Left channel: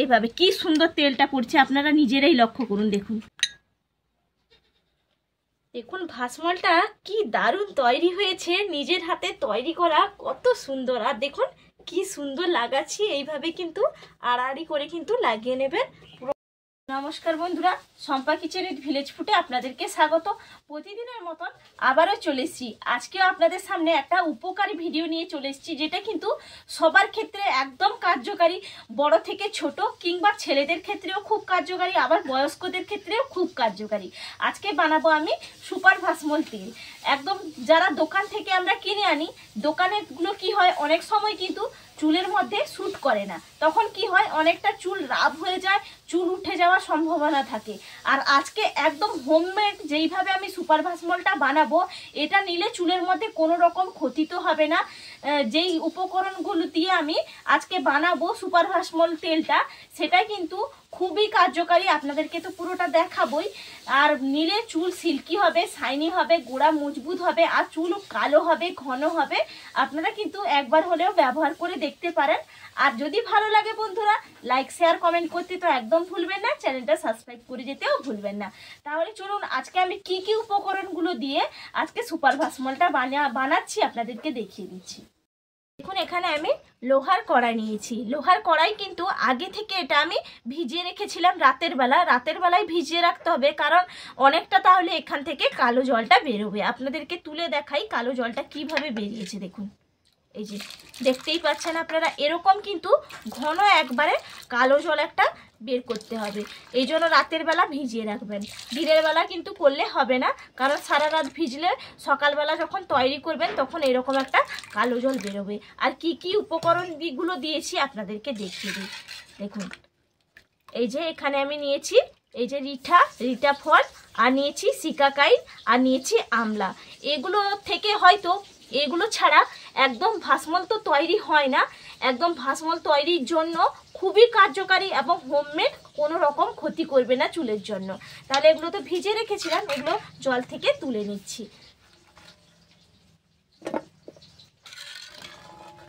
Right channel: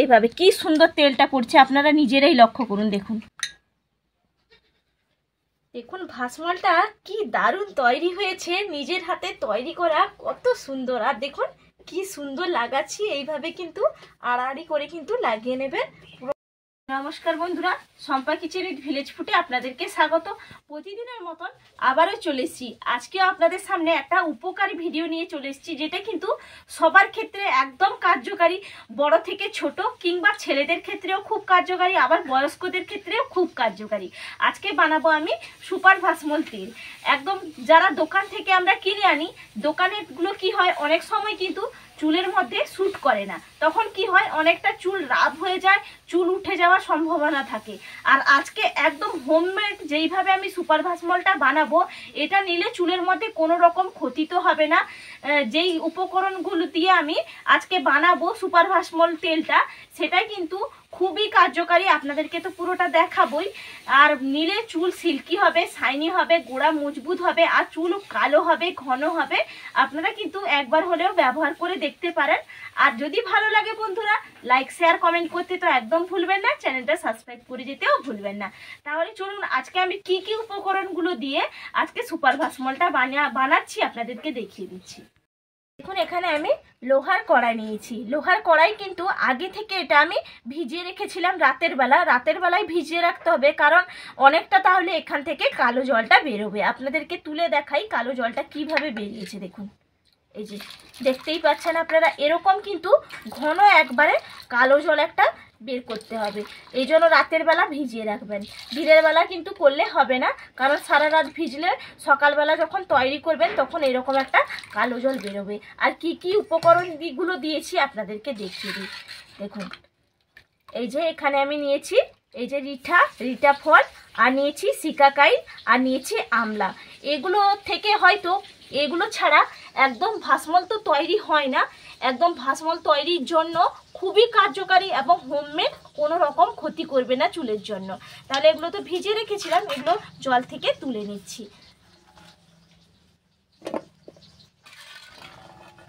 এইভাবে কি সুন্দর তেলটা পড়ছে, আপনারা নিজেরাই লক্ষ্য করুন। দেখুন দেখুন ভাসমলটা কি দারুণ তৈরি হয়েছে, নিজের হাতে তৈরি করা, কত সুন্দর। আর দেখুন কি সুন্দর লাগাচ্ছি, এইভাবে কিন্তু আড়াআড়ি করে কিন্তু লাগিয়ে নেবেন। নমস্কার বন্ধুরা, শম্পা কিচেন উইথ ভিলেজ ফুডে আপনাদেরকে স্বাগত। প্রতিদিনের মতন আবারও চলে এসেছি। আজকেও আপনাদের সামনে একটা উপকারী ভিডিও নিয়ে চলে এসেছি, যেটা কিন্তু সবার ক্ষেত্রে একদম কার্যকারী, বড় থেকে ছোট কিংবা ছেলেদের ক্ষেত্রেও খুব কার্যকারী, আবার বয়স্কদের ক্ষেত্রেও খুব কার্যকারী। আজকে বানাবো আমি সুপার ভাসমল তেল। একদম যারা দোকান থেকে আমরা কিনে আনি, দোকানেরগুলো কি হয় অনেক সময় কিন্তু চুলের মধ্যে স্যুট করে না, তখন কি হয় অনেকটা চুল রাব হয়ে যায়, চুল উঠে যাওয়ার সম্ভাবনা থাকে। আর আজকে একদম হোমমেড যেইভাবে আমি সুপার ভাসমলটা বানাবো, এটা নিলে চুলের মধ্যে কোনো রকম ক্ষতি তো হবে না। যেই উপকরণগুলো দিয়ে আমি আজকে বানাবো সুপার ভাসমল তেলটা, সেটাই কিন্তু খুবই কার্যকারী। আপনাদেরকে তো পুরোটা দেখাবই। আর নিলে চুল সিল্কি হবে, শাইনি হবে, গোড়া মজবুত হবে, আর চুল কালো হবে, ঘন হবে। আপনারা কিন্তু একবার হলেও ব্যবহার করে দেখতে পারেন। আর যদি ভালো লাগে বন্ধুরা, লাইক শেয়ার কমেন্ট করতে তো একদম ভুলবেন না, চ্যানেলটা সাবস্ক্রাইব করে যেতেও ভুলবেন না। তাহলে চলুন আজকে আমি কি কি উপকরণগুলো দিয়ে আজকে সুপার ভাসমলটা বানাচ্ছি আপনাদেরকে দেখিয়ে দিচ্ছি। দেখুন এখানে আমি লোহার কড়াই নিয়েছি। লোহার কড়াই কিন্তু আগে থেকে এটা আমি ভিজিয়ে রেখেছিলাম রাতের বেলায় ভিজিয়ে রাখতে হবে, কারণ অনেকটা তাহলে এখান থেকে কালো জলটা বেরোবে। আপনাদেরকে তুলে দেখাই কালো জলটা কিভাবে বেরিয়েছে। দেখুন এই যে দেখতেই পাচ্ছেন আপনারা, এরকম কিন্তু ঘন একবারে কালো জল একটা বের করতে হবে। এই জন্য রাতের বেলা ভিজিয়ে রাখবেন, দিনের বেলা কিন্তু করলে হবে না, কারণ সারা রাত ভিজলে সকালবেলা যখন তৈরি করবেন তখন এরকম একটা কালো জল বেরোবে। আর কি কি উপকরণগুলো দিয়েছি আপনাদেরকে দেখিয়ে দিই। দেখুন এই যে এখানে আমি নিয়েছি এই যে রিঠা ফল, আর নিয়েছি সিকাকাই, আর নিয়েছি আমলা। এগুলো থেকে হয়তো এগুলো ছাড়া একদম ভাসমল তো তৈরি হয় না। একদম ভাসমল তৈরির জন্য খুবই কার্যকারী এবং হোমমেড, কোনো রকম ক্ষতি করবে না চুলের জন্য। তাহলে এগুলো তো ভিজে রেখেছিলাম, এগুলো জল থেকে তুলে নিচ্ছি।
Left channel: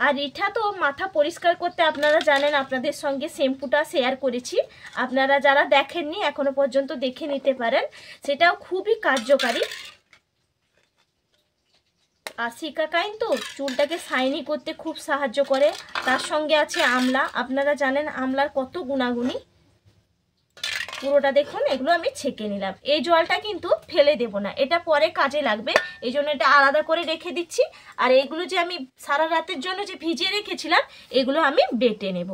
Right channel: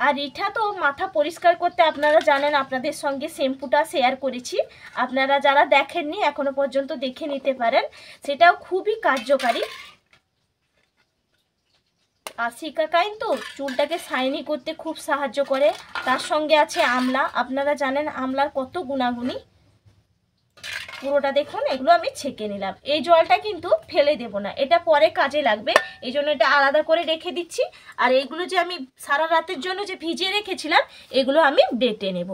আর রিঠা তো মাথা পরিষ্কার করতে আপনারা জানেন, আপনাদের সঙ্গে শ্যাম্পুটা শেয়ার করেছি। আপনারা যারা দেখেননি এখনো পর্যন্ত দেখে নিতে পারেন, সেটাও খুবই কার্যকারী। আর সিকাকাইন তো চুলটাকে শাইনি করতে খুব সাহায্য করে। তার সঙ্গে আছে আমলা, আপনারা জানেন আমলার কত গুণাগুণী। পুরোটা দেখুন, এগুলো আমি ছেঁকে নিলাম। এই জলটা কিন্তু ফেলে দেব না, এটা পরে কাজে লাগবে, এই জন্য এটা আলাদা করে রেখে দিচ্ছি। আর এইগুলো যে আমি সারা রাতের জন্য যে ভিজিয়ে রেখেছিলাম, এগুলো আমি বেটে নেব।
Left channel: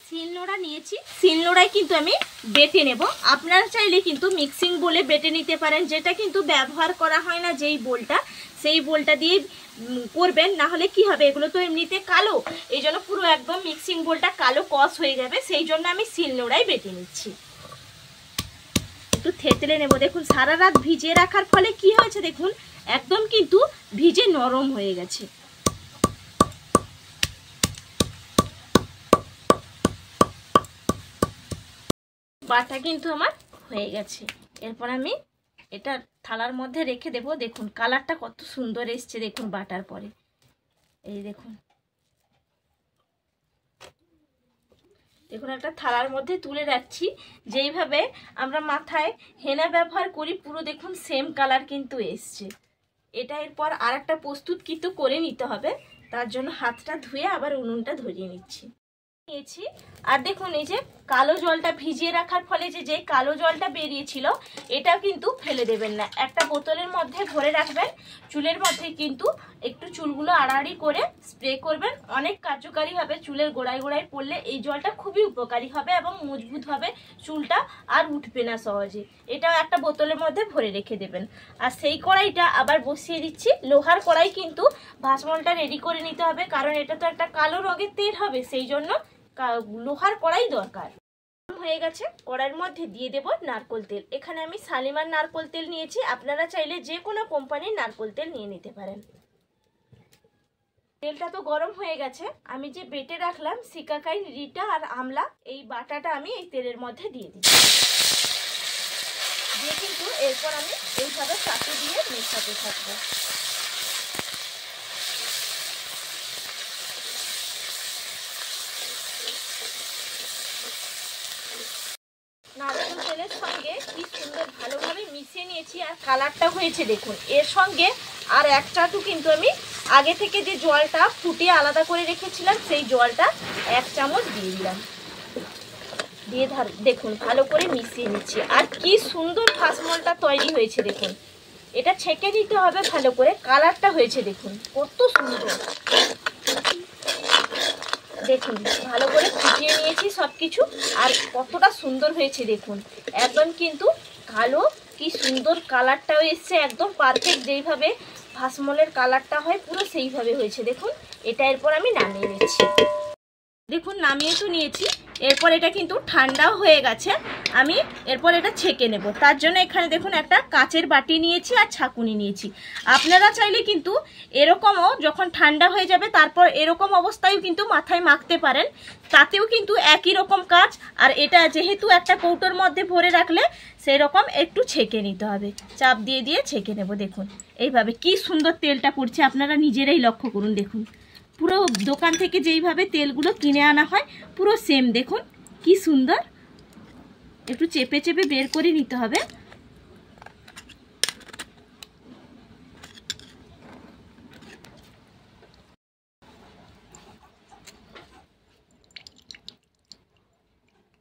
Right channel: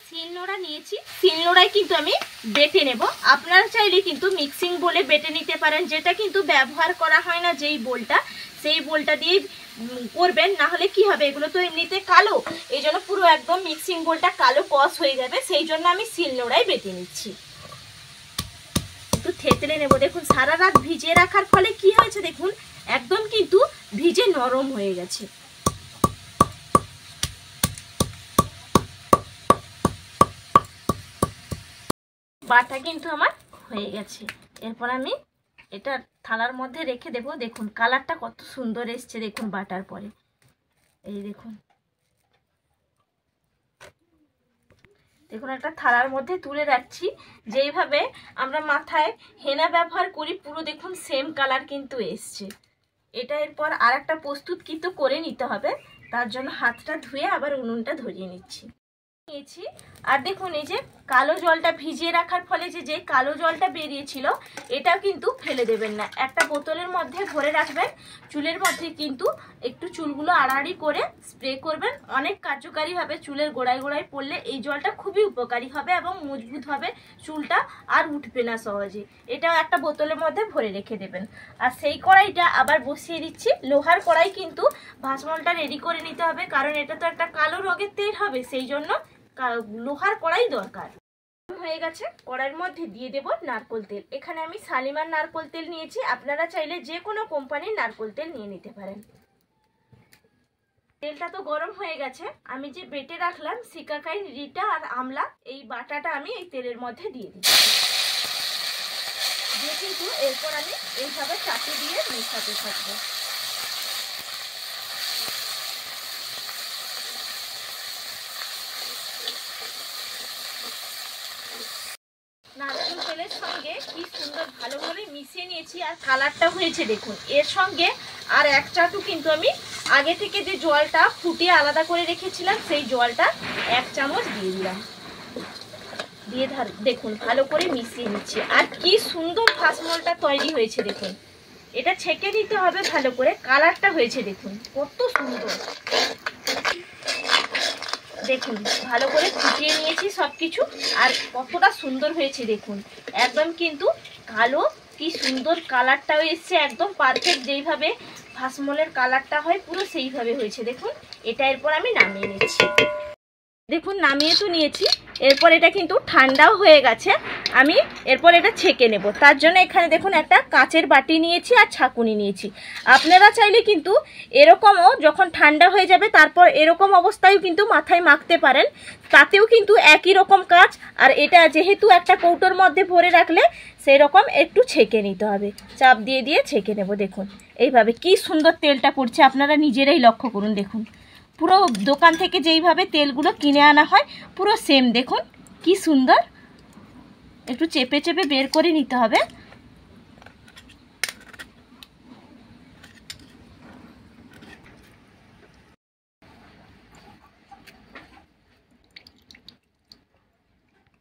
শিলনোড়া নিয়েছি, শিলনোড়ায় কিন্তু আমি বেটে নেব। আপনারা চাইলে কিন্তু মিক্সিং বলে বেটে নিতে পারেন, যেটা কিন্তু ব্যবহার করা হয় না যেই বোলটা, সেই বোলটা দিয়ে করবেন। না হলে কি হবে, এগুলো তো এমনিতে কালো, এই জন্য পুরো একদম মিক্সিং বোলটা কালো কস হয়ে যাবে, সেই জন্য আমি শিলনোড়ায় বেটে নিচ্ছি। একটু থেতলে নেব। দেখুন সারা রাত ভিজিয়ে রাখার ফলে কি হয়েছে, দেখুন একদম কিন্তু ভিজে নরম হয়ে গেছে। বাটা কিন্তু আমার হয়ে গেছে। এরপর আমি এটা থালার মধ্যে রেখে দেব। দেখুন কালারটা কত সুন্দর এসছে, দেখুন বাটার পরে। এই দেখুন একটা থালার মধ্যে তুলে রাখছি। যেইভাবে আমরা মাথায় হেনা ব্যবহার করি, পুরো দেখুন সেম কালার কিন্তু এসছে। এটা এরপর আর একটা প্রস্তুত কিন্তু করে নিতে হবে, তার জন্য হাতটা ধুয়ে আবার উনুনটা ধরিয়ে নিচ্ছি। নিয়েছি। আর দেখুন এই যে কালো জলটা ভিজিয়ে রাখার ফলে যে কালো জলটা বেরিয়েছিল, এটা কিন্তু ফেলে দেবেন না, একটা বোতলের মধ্যে ভরে রাখবেন। চুলের মধ্যে কিন্তু একটু চুলগুলো আড়াআড়ি করে স্প্রে করবেন। অনেক কার্যকারী হবে, চুলের গোড়ায় গোড়ায় পড়লে এই জলটা খুবই উপকারী হবে এবং মজবুত হবে, চুলটা আর উঠবে না সহজে। এটাও একটা বোতলের মধ্যে ভরে রেখে দেবেন। আর সেই কড়াইটা আবার বসিয়ে দিচ্ছি। লোহার কড়াই কিন্তু ভাসমলটা রেডি করে নিতে হবে, কারণ এটা তো একটা কালো রঙের তেল হবে, সেই জন্য লোহার কড়াই দরকার। হয়ে গেছে, কড়াইয়ের মধ্যে দিয়ে দেব নারকেল তেল। এখানে আমি শালিমার নারকেল তেল নিয়েছি, আপনারা চাইলে যে কোনো কোম্পানির নারকেল তেল নিয়ে নিতে পারেন। তেলটা তো গরম হয়ে গেছে, আমি যে বেটে রাখলাম সিকাকাই, রিঠা আর আমলা, এই বাটাটা আমি এই তেলের মধ্যে দিয়ে দিচ্ছি। দিয়ে কিন্তু এরপর আমি এইভাবে চাটু দিয়ে মেশাতে থাকবো। তেলের সঙ্গে কি সুন্দর ভালোভাবে মিশিয়ে নিয়েছি আর কালারটা হয়েছে দেখুন। এর সঙ্গে আর এক চাটু কিন্তু আমি আগে থেকে যে জলটা ফুটিয়ে আলাদা করে রেখেছিলাম সেই জলটা 1 চামচ দিয়ে দিলাম। দিয়ে দেখুন ভালো করে মিশিয়ে নিচ্ছি। আর কি সুন্দর ফাসমলটা তৈরি হয়েছে দেখুন। এটা ছেঁকে নিতে হবে ভালো করে। কালারটা হয়েছে দেখুন কত সুন্দর। দেখুন ভালো করে ফুটিয়ে নিয়েছি সব কিছু। আর কতটা সুন্দর হয়েছে দেখুন। একদম কিন্তু কালো, কি সুন্দর কালারটাও এসছে, একদম পারফেক্ট যেইভাবে ফাসমলের কালারটা হয় পুরো সেইভাবে হয়েছে দেখুন। এটা এরপর আমি নামিয়ে নিচ্ছি। দেখুন নামিয়ে তো নিয়েছি। এরপর এটা কিন্তু ঠান্ডাও হয়ে গেছে। আমি এরপর এটা ছেঁকে নেব। তার জন্য এখানে দেখুন একটা কাচের বাটি নিয়েছি আর ছাঁকুনি নিয়েছি। আপনারা চাইলে কিন্তু এরকমও যখন ঠান্ডা হয়ে যাবে তারপর এরকম অবস্থায় কিন্তু মাথায় মাখতে পারেন, তাতেও কিন্তু একই রকম কাজ। আর এটা যেহেতু একটা কৌটোর মধ্যে ভরে রাখলে সেই রকম একটু ছেঁকে নিতে হবে। চাপ দিয়ে দিয়ে ছেঁকে নেব। দেখুন এইভাবে কি সুন্দর তেলটা পড়ছে, আপনারা নিজেরাই লক্ষ্য করুন। দেখুন পুরো দোকান থেকে যেইভাবে তেলগুলো কিনে আনা হয় পুরো সেম। দেখুন কি সুন্দর। একটু চেপে চেপে বের করে নিতে হবে।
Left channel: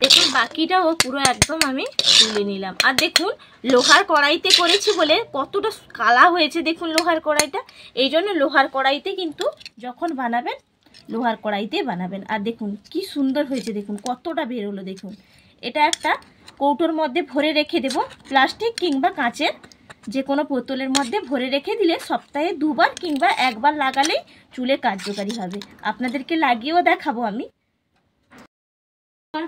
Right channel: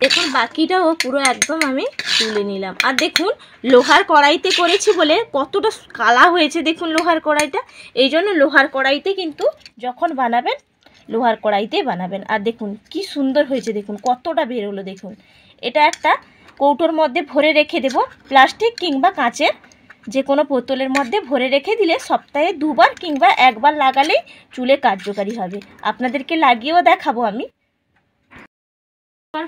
দেখুন বাকিটাও পুরো একদম আমি তুলে নিলাম। আর দেখুন লোহার কড়াইতে করেছি বলে কতটা কালা হয়েছে দেখুন লোহার কড়াইটা। এই জন্য লোহার কড়াইতে কিন্তু যখন বানাবেন লোহার কড়াইতে বানাবেন। আর দেখুন কি সুন্দর হয়েছে দেখুন কতটা বেরোলো দেখুন। এটা একটা কৌটোর মধ্যে ভরে রেখে দেব, প্লাস্টিক কিংবা কাঁচের যে কোনো বোতলের মধ্যে ভরে রেখে দিলে সপ্তাহে 2 বার কিংবা 1 বার লাগালেই চুলে কার্যকারী হবে। আপনাদেরকে লাগিয়েও দেখাবো আমি।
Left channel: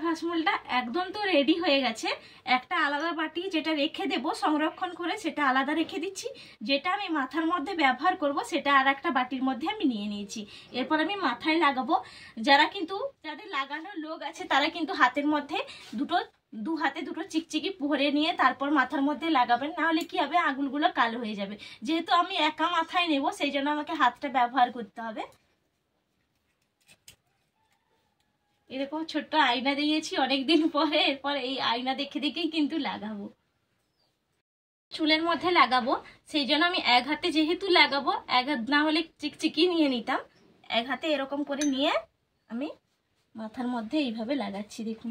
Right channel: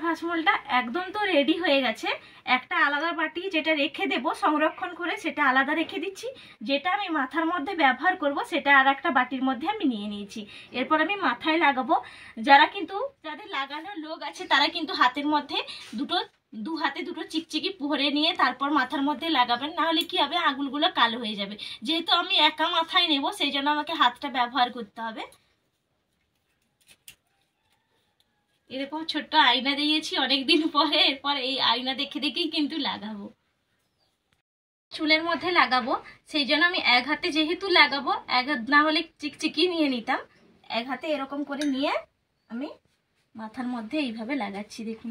ফাসমলটা একদম তো রেডি হয়ে গেছে। একটা আলাদা বাটি যেটা রেখে দেব সংরক্ষণ করে সেটা আলাদা রেখে দিচ্ছি। যেটা আমি মাথার মধ্যে ব্যবহার করব সেটা আর একটা বাটির মধ্যে আমি নিয়ে নিয়েছি। এরপর আমি মাথায় লাগাবো। যাদের লাগানোর লোক আছে তারা কিন্তু হাতের মধ্যে দু হাতে দুটো চিকচিকি ভরে নিয়ে তারপর মাথার মধ্যে লাগাবেন, না হলে কি হবে আঙুলগুলো কালো হয়ে যাবে। যেহেতু আমি একা মাথায় নেব সেই জন্য আমাকে হাতটা ব্যবহার করতে হবে। এরকম ছোট্ট আয়না দিয়েছি অনেকদিন পরে। এরপর এই আয়না দেখে দেখেই কিন্তু লাগাবো, চুলের মধ্যে লাগাবো। সেই জন্য আমি এক হাতে যেহেতু লাগাবো, এক হাত না হলে চিকচিকি নিয়ে নিতাম, এক হাতে এরকম করে নিয়ে আমি মাথার মধ্যে এইভাবে লাগাচ্ছি। দেখুন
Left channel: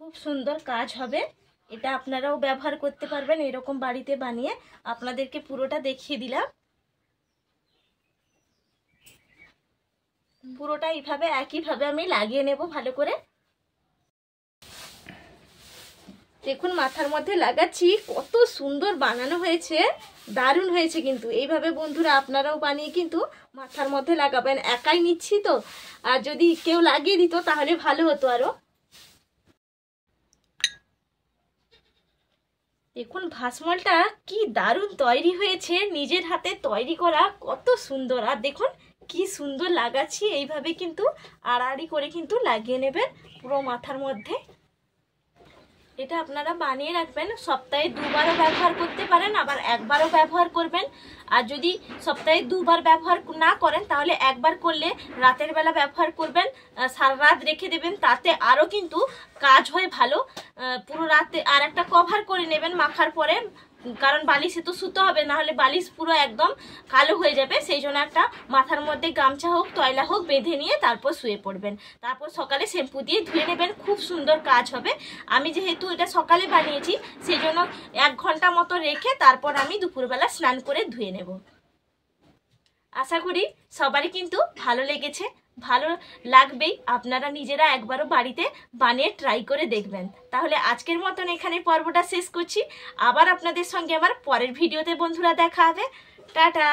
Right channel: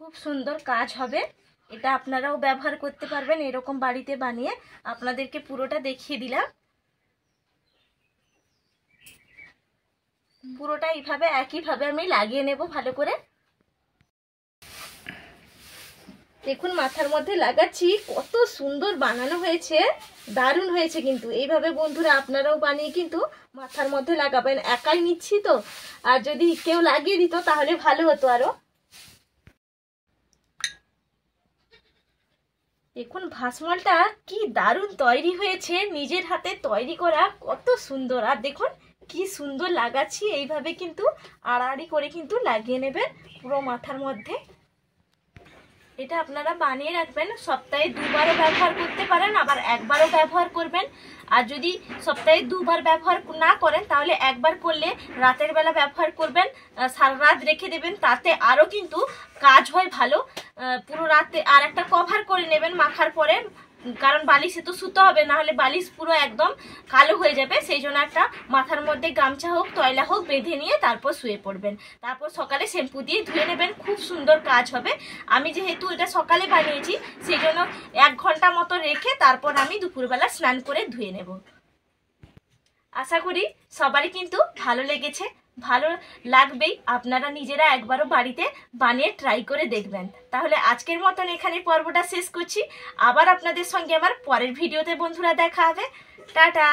খুব সুন্দর কাজ হবে। এটা আপনারাও ব্যবহার করতে পারবেন এরকম বাড়িতে বানিয়ে। আপনাদেরকে পুরোটা দেখিয়ে দিলাম। পুরোটা এইভাবে একইভাবে আমি লাগিয়ে নেব ভালো করে। দেখুন মাথার মধ্যে লাগাচ্ছি, কত সুন্দর বানানো হয়েছে, দারুণ হয়েছে কিন্তু। এইভাবে বন্ধুরা আপনারাও বানিয়ে কিন্তু মাথার মধ্যে লাগাবেন। একাই নিচ্ছি তো, আর যদি কেউ লাগিয়ে দিত তাহলে ভালো হতো আরো। দেখুন ভাসমলটা কি দারুণ তৈরি হয়েছে, নিজের হাতে তৈরি করা, কত সুন্দর। আর দেখুন কি সুন্দর লাগাচ্ছি। এইভাবে কিন্তু আড়াআড়ি করে কিন্তু লাগিয়ে নেবেন পুরো মাথার মধ্যে। এটা আপনারা বানিয়ে রাখবেন, সপ্তাহে 2 বারও ব্যবহার করতে পারেন, আবার 1 বারও ব্যবহার করবেন। আর যদি সপ্তাহে 2 বার ব্যবহার না করেন তাহলে 1 বার করলে রাতের বেলা ব্যবহার করবেন, সারা রাত রেখে দেবেন, তাতে আরও কিন্তু কাজ হয় ভালো। পুরো রাতে আর একটা কভার করে নেবেন মাখার পরে, কারণ বালিশে তো শুতে হবে, না হলে বালিশ পুরো একদম কালো হয়ে যাবে। সেই জন্য একটা মাথার মধ্যে গামছা হোক তয়লা হোক বেঁধে নিয়ে তারপর শুয়ে পড়বেন। তারপর সকালে শ্যাম্পু দিয়ে ধুয়ে নেবেন, খুব সুন্দর কাজ হবে। আমি যেহেতু এটা সকালে বানিয়েছি সেই জন্য 1 ঘন্টা মতো রেখে তারপর আমি দুপুরবেলা স্নান করে ধুয়ে নেব। আশা করি সবারই কিন্তু ভালো লেগেছে, ভালো লাগবেই। আপনারা নিজেরা একবারও বাড়িতে বানিয়ে ট্রাই করে দেখবেন। তাহলে আজকের মতন এখানে পর্বটা শেষ করছি। আবার আপনাদের সঙ্গে আমার পরের ভিডিওতে বন্ধুরা দেখা হবে। টাটা।